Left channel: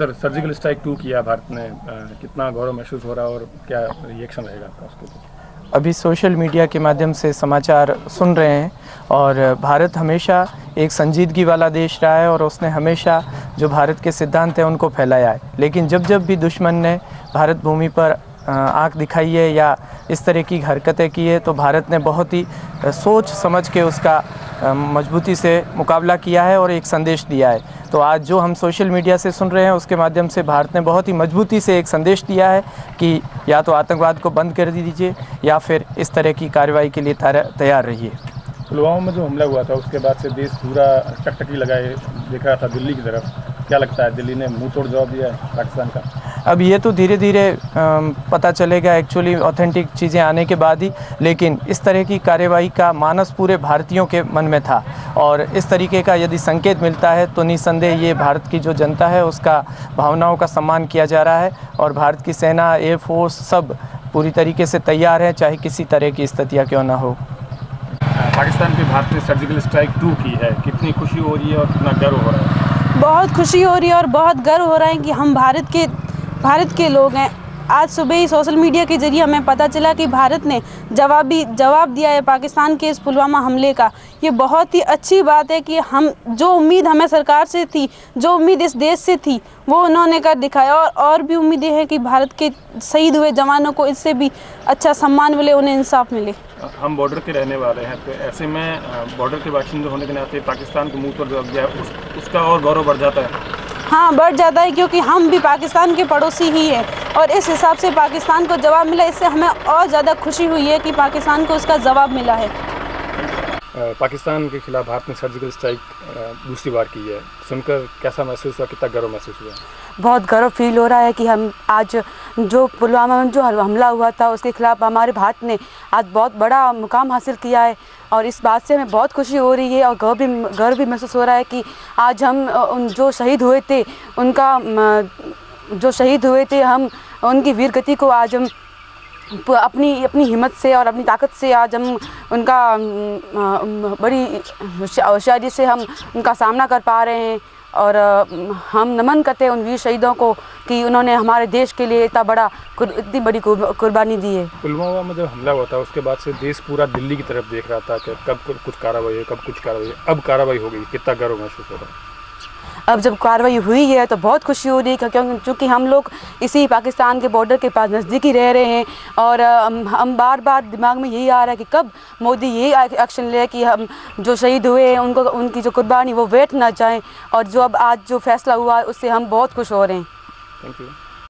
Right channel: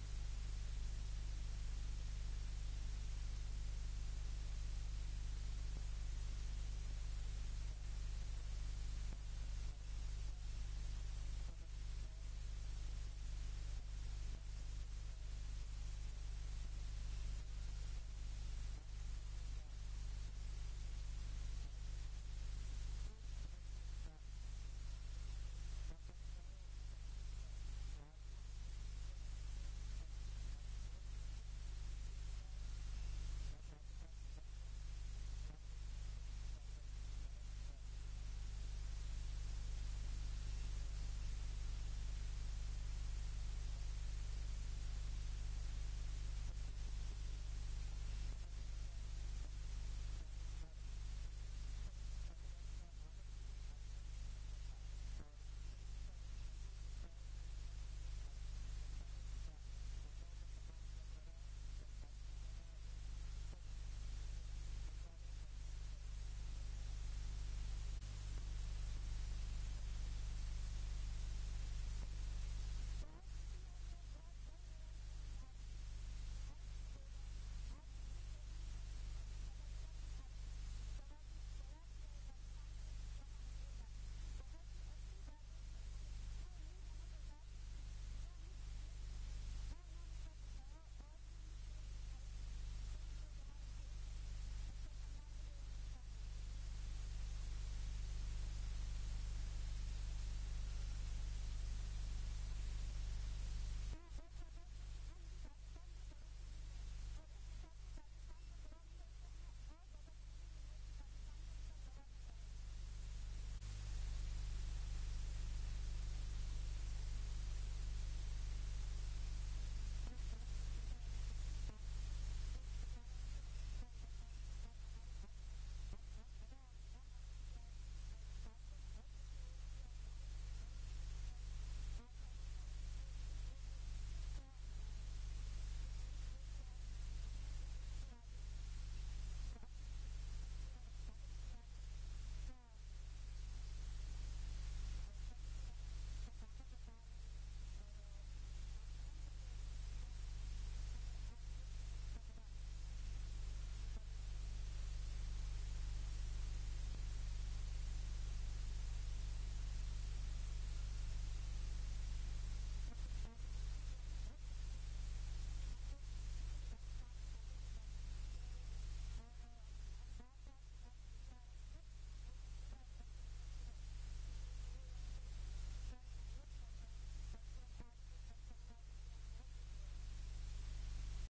Sir, surgical strike 2 किया भारत ने, कितना गौरव महसूस हो रहा है और क्या रिएक्शन रहेगा आपका उसके ऊपर? अभी सोशल मीडिया के माध्यम से समाचार सुन रहे हैं और भारत हमेशा एक संजीदगी वाला देश रहा है और उसने हमेशा जो भारत के सिद्धांत हैं उनको फैलाया है। लेकिन जब जब भी दुश्मन ने भारत भूमि पर आंख दिखाई है या इस तरह की हरकतें की है तो भारत ने बहुत ही सोच समझ के उसका मजबूती से मुकाबला किया है और एक संदेश दिया है। तो आज जो हम सोशल मीडिया से सुन रहे हैं उसके माध्यम से भारत ने बहुत ही मजबूती से एक संदेश दिया है कि या तो आतंकवाद को बंद कर दीजिए या फिर इस तरह की कार्रवाई के लिए तैयार रहिए। पुलवामा में जो हमला हुआ था उसके बाद से देश पूरा टकटकी लगाए देख रहा था दिल्ली की तरफ। क्या लगता है, दिल्ली ने मुंह तोड़ जवाब दिया है पाकिस्तान का? अब ये तो धीरे धीरे पता चलेगा एक्चुअली ऑथेंटिक चीज़ें आने के बाद ही, लेकिन इस तरह की कार्यवाही का मानस पूरे भारतीयों के मन में था और इस तरीके का यदि संकेत मिलता है तो निस्संदेह ये भारत की जो जनता है उसका भावनाओं का सम्मान किया जा रहा है और भारत की सेना, एयरफोर्स सब पूरी तरीके से तैयार है, चाहे किसी तरह की स्थितियाँ क्यों ना हो। पाकिस्तान पे भारत ने सर्जिकल स्ट्राइक 2 की है, कितनी खुशी हो रही है और कितना गर्व हो रहा है? बहुत खुशी हो रही है और बहुत गर्व हो रहा है कि हम भारत के लोग हैं। आज सुबह ही सोशल मीडिया के जरिए हमें पता चला कि भारत ने जवाब दिया है पाकिस्तान के इस पुलवामा हमले का। ये बहुत ही अच्छी बात है कि हम जो उम्मीद हमें सरकार से थी, जो उम्मीद इस देश से थी, वो उन्होंने कर दिखाया और भी उम्मीदें हैं कि भारत के शहीद हुए जवानों को इससे भी अच्छा सम्मान मिले, उन्हें इंसाफ मिले। हम बॉर्डर के रहने वाले हैं तो ऐसे में बॉर्डर के बाशिंदे होने के नाते पाकिस्तान को मुंह तोड़ जवाब दिया उसका और गौरव बढ़ जाता है। हाँ, बढ़ जाता है क्योंकि हम भी पाकिस्तान के पड़ोसी ही हैं और इस हिसाब से पाकिस्तान को जवाब मिला, इससे हमें और ज़्यादा खुशी हुई है कि पाकिस्तान को उसका जवाब मिला है। पाकिस्तान के खिलाफ भारत ने सर्जिकल स्ट्राइक दूसरी बार की है, सुनकर कैसा महसूस हुआ, कितना गर्व महसूस हुआ? बहुत गर्व फील हो रहा है कि हम आज जो पुलवामा में जो हमला हुआ था उसके खिलाफ हमारे भारत ने आज बहुत बड़ा मुकाम हासिल किया है और इस बात से हमें बहुत खुशी हो रही है और गर्व भी महसूस हो रहा है कि आज हम जो शहीद हुए थे हम उनकी वीर गति को आज हम अपनी हिम्मत से और अपनी ताकत से आज हम उनका बड़ी होशियारी से हम उनका सामना कर पा रहे हैं और हम नमन करते हैं उन वीर शहीदों को कि उन्होंने हमारे देश के लिए इतनी बड़ी कुर्बानी दी है। पुलवामा में जब हमला हुआ था उसके बाद से देश पूरा दिल्ली की तरफ देख रहा था कि कब कुछ कार्रवाई है, कब कुछ कार्रवाई है। अब कार्रवाई हो गई, कितना गर्व महसूस हो रहा है? अब जब कार्रवाई हुई है तो बहुत खुशी हो रही है क्योंकि हम लोग इसी पाकिस्तान के बॉर्डर के पास नज़दीकी रह रहे हैं और हम बार दिमाग में यही आ रहा है कि कब मोदी यही एक्शन ले कि हम जो शहीद हुए हैं उनकी जो कुर्बानी वो वेट ना जाए और जो अब आज जो फैसला हुआ है उससे हम बहुत खुश हो रहे हैं। Thank you.